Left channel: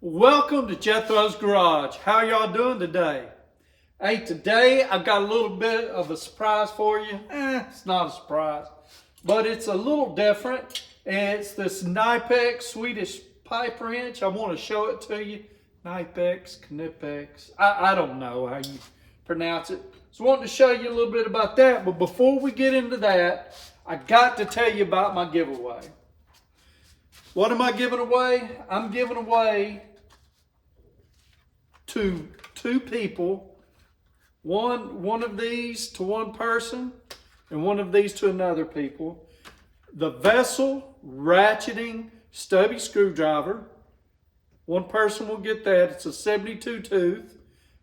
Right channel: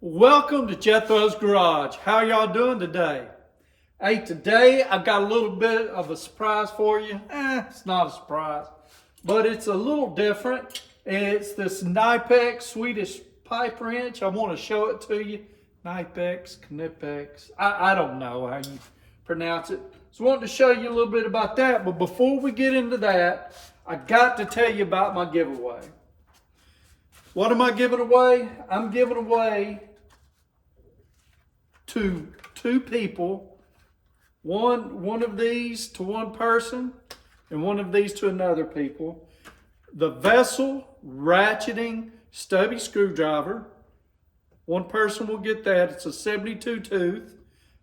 Welcome to Jethro's Garage. How y'all doing today? Hey, today I've got a little bit of a surprise for you. It's not a surprise, but it's a little different. It's this Knipex Swedish Pipe Wrench. I want to show it to you. Knipex. I don't know how you pronounce it. So I wanted to show you a little bit about that. But before we get into that, I got to tell you about my giveaway. What am I giving away? I'm giving away to two people, one of these to one person and one of these to another people, the vessel ratcheting stubby screwdriver. One person will get that. It's a 72 tooth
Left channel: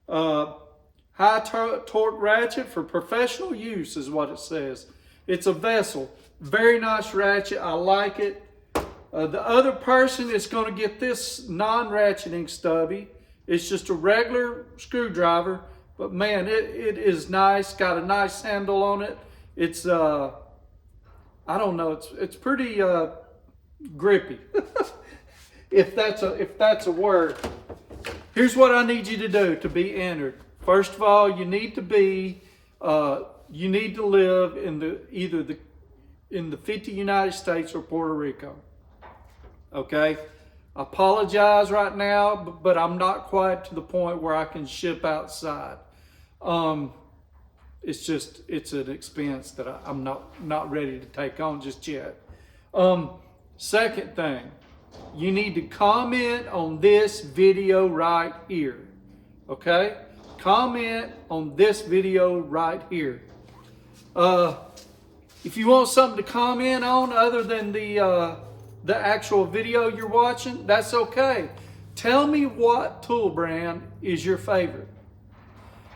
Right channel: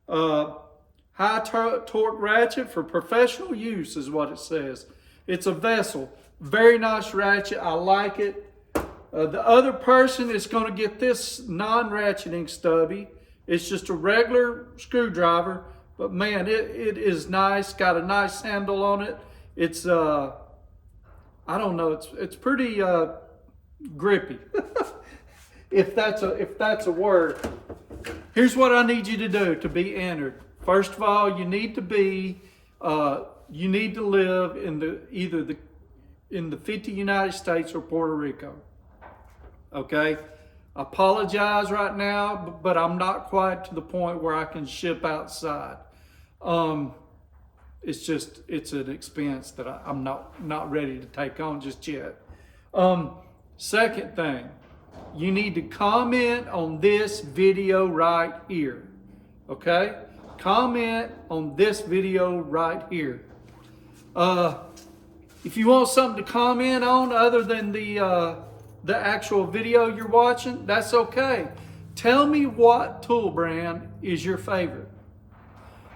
high torque ratchet for professional use is what it says. It's a vessel, very nice ratchet. I like it. The other person is going to get this non-ratcheting stubby. It's just a regular screwdriver, but man, it is nice. Got a nice handle on it. It's I don't know. It's pretty grippy, if that's a word. Here's what I need you to do to be entered. First of all, you need to be you need to live in either in the 50 United States or Puerto Rico. Okay. I apologize right now, but I'm not quite to the point where I can ship outside. It's an expense that I'm not ready to take on just yet. Second thing, you need to comment on this video right here. Okay? Comment on this video right here. If you want something to comment on other than the actual video you're watching, that's okay. Tell me what tool brand is your favorite.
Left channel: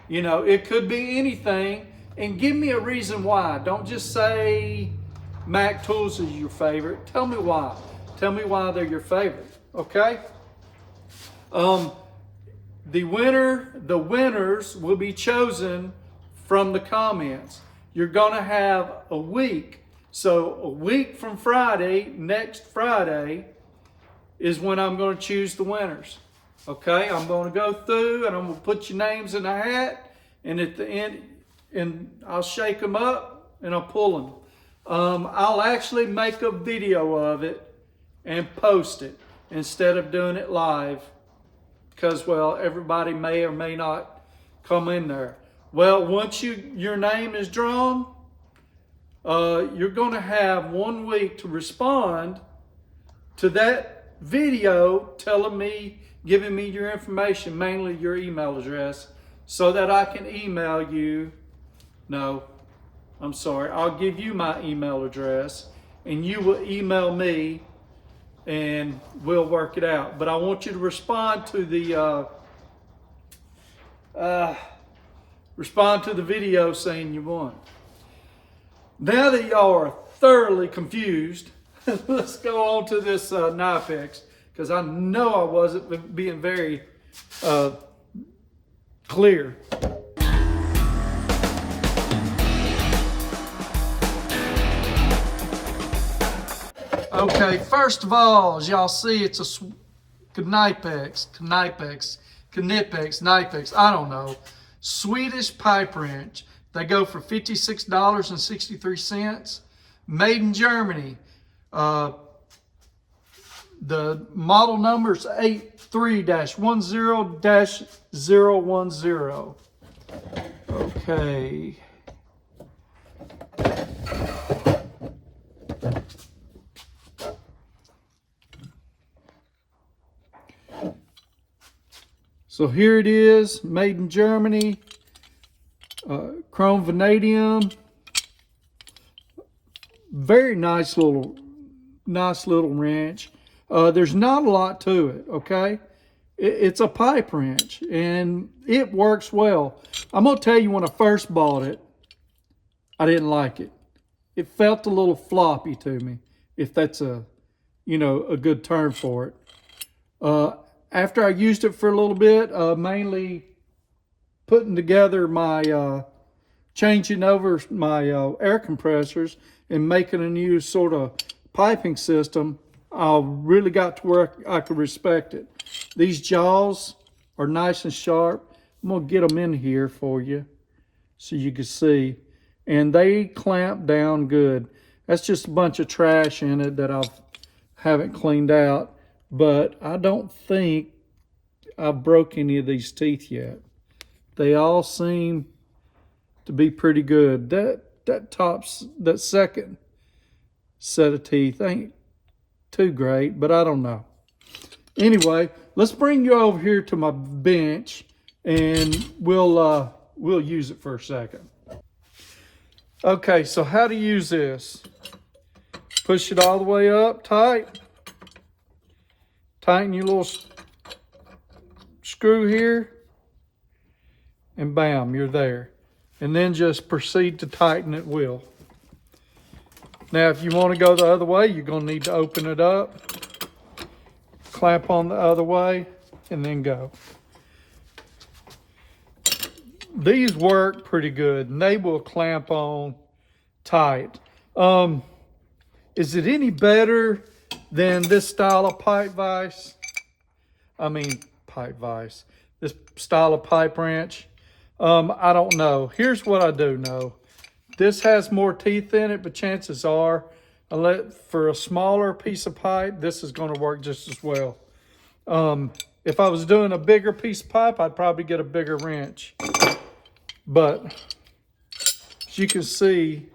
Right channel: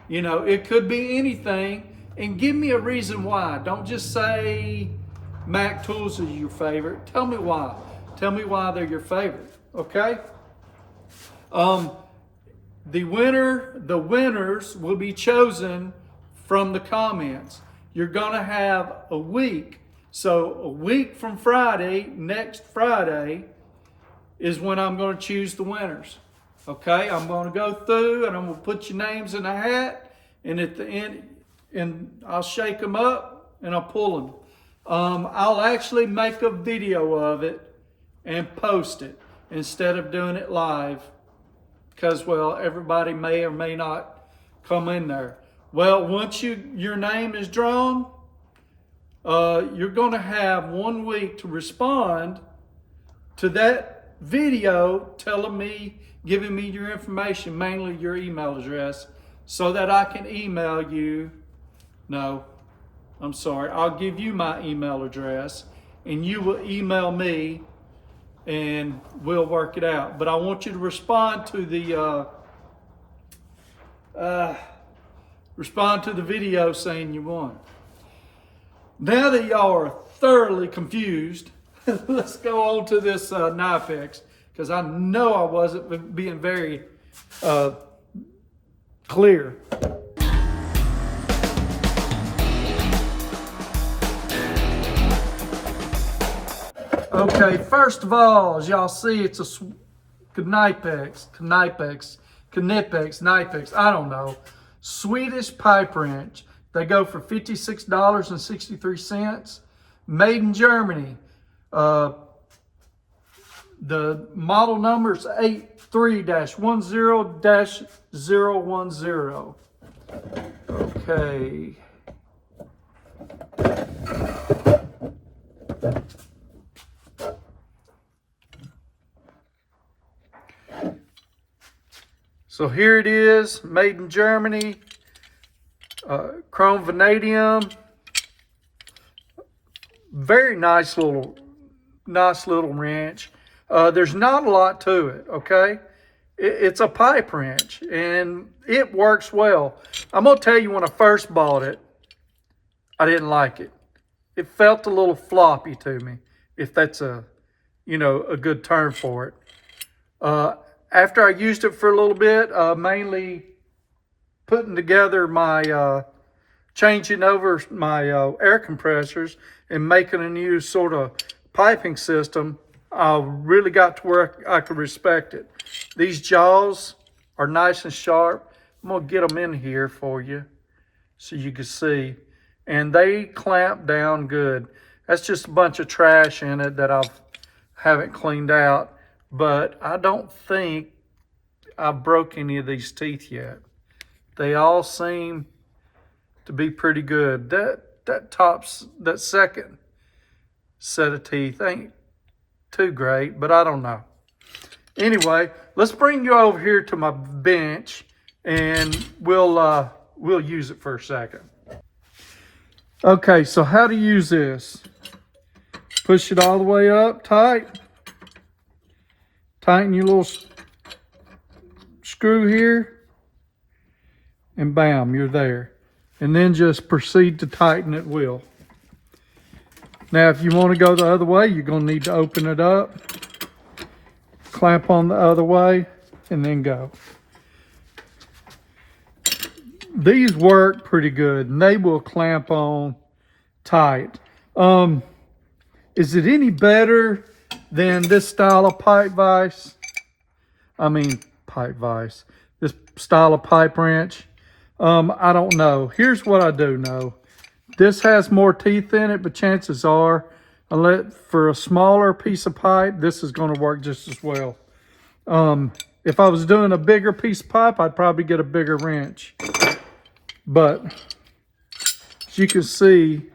You know, it could be anything, and give me a reason why. Don't just say Mac Tools is your favorite. Tell me why. Tell me why they're your favorite, okay? The winners will be chosen from the comments. You're gonna have a week. So a week from Friday, next Friday, is when I'm going to choose the winners. Okay, I'm going to go through and I'm going to put your names in a hat, and at the end, and I'll shake them up and I'll pull them. I'll actually make a video of it and post it instead of doing it live, because, well, everybody may or may not come in there. Well, once your name is drawn, you're going to have 1 week to respond to that video giving me your information, mainly your email address, so that I can email you. No, I'm sorry. I'll give you my email address and you will email me and we'll work it out. But I want you to respond to the video saying you won. Now that y'all are thoroughly confused, let's go on to this Knipex, because I know I wasn't being very clear. Okay, first of all, as y'all see, it's a Knipex, I don't know, Swedish pipe wrench. They go for $56.63. Made in Germany. The model number is 83-10-010. Okay. So here it is, made in Germany. Chrome vanadium, very nice little wrench. There's not a lot to it, okay? It's a pipe wrench and it works well. I'm gonna tell you, when I first bought it, I didn't like it. It felt a little floppy to me, if that's a good term for it. After I used it for a little bit, mainly putting together my changing over my air compressors and making a new sort of piping system, I really got to where I could respect it. These jaws are nice and sharp. I'm gonna get them in here for you so you can see. And they clamp down good. That's just a bunch of trash in it that I haven't cleaned out, but I don't think I've broke any of these teeth yet. They all seem to be pretty good. That second set of teeth ain't too great, but I don't know. Anyway, let's bring you over here to my bench and we'll use it for a second. Okay, so how to use this. Push it all the way up tight. Tighten your little screw here. And bam, you're there. And then just proceed to tighten at will. Now, if you want to go the other way, you're going to need to open it up, clamp on the other way, and then go. These work pretty good, and they will clamp on tight. Is it any better than this style of pipe vise? This style of pipe wrench? I don't know. Here's what I do know. This has more teeth in it, but chances are, unless for a smaller piece of pipe, this is going to work just as well. If I was doing a bigger piece of pipe, I'd probably get a bigger wrench. But as you can see,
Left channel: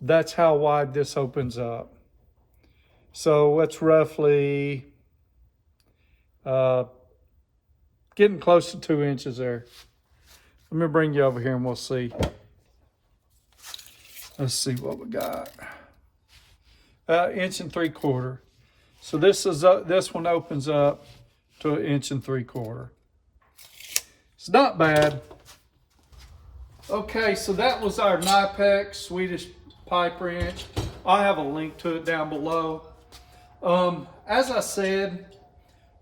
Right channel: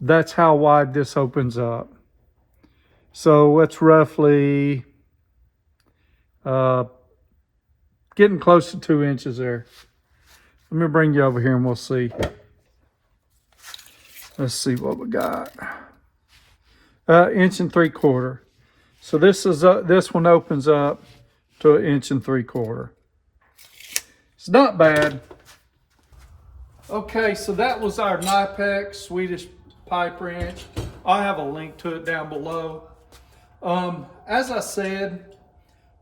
that's how wide this opens up. So it's roughly getting close to 2 inches there. Let me bring you over here and we'll see. Let's see what we got. 1 3/4 inches. So this one opens up to 1 3/4 inches. It's not bad. Okay, so that was our Knipex Swedish Pipe Wrench. I'll have a link to it down below. As I said,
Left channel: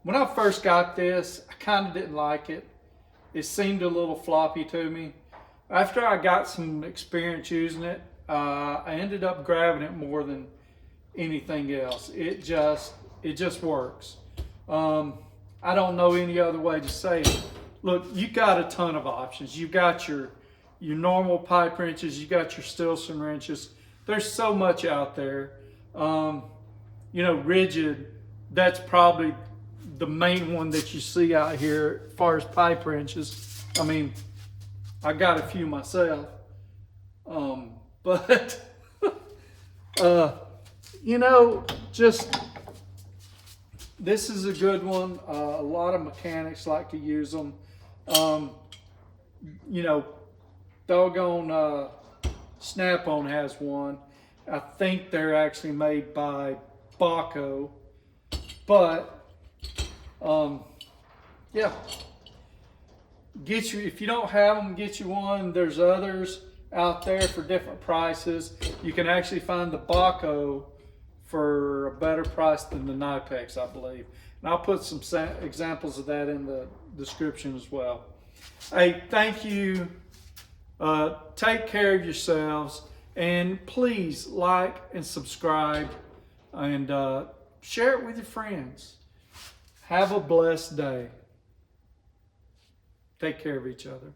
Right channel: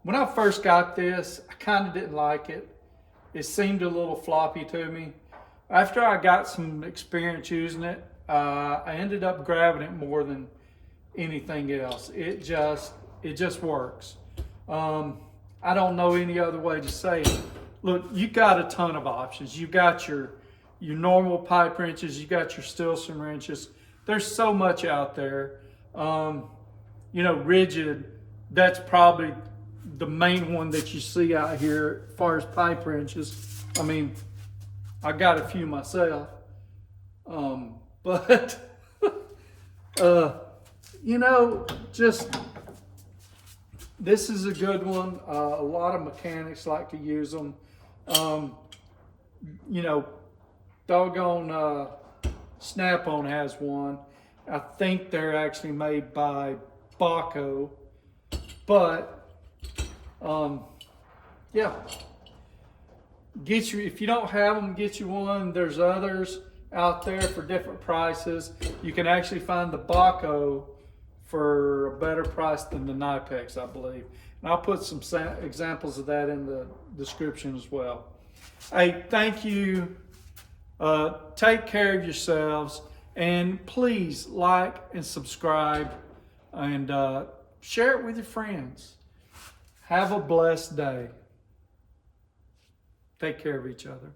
when I first got this, I kind of didn't like it. It seemed a little floppy to me. After I got some experience using it, I ended up grabbing it more than anything else. It just works. I don't know any other way to say it. Look, you got a ton of options. You've got your normal pipe wrenches, you got your Stilson wrenches. There's so much out there. You know, rigid, that's probably the main one that you see out here as far as pipe wrenches. I mean, I got a few myself. But, you know, just, this is a good one. A lot of mechanics like to use them. You know, doggone Snap-on has one. I think they're actually made by Baco. But, yeah. If you don't have them, get you one. There's others out there for different prices. You can actually find the Baco for a better price than the Knipex, I believe. And I'll put some examples of that in the description as well. Hey, thank you. Take care of yourselves. And please like and subscribe and share it with your friends. Have a blessed day. Take care of each other.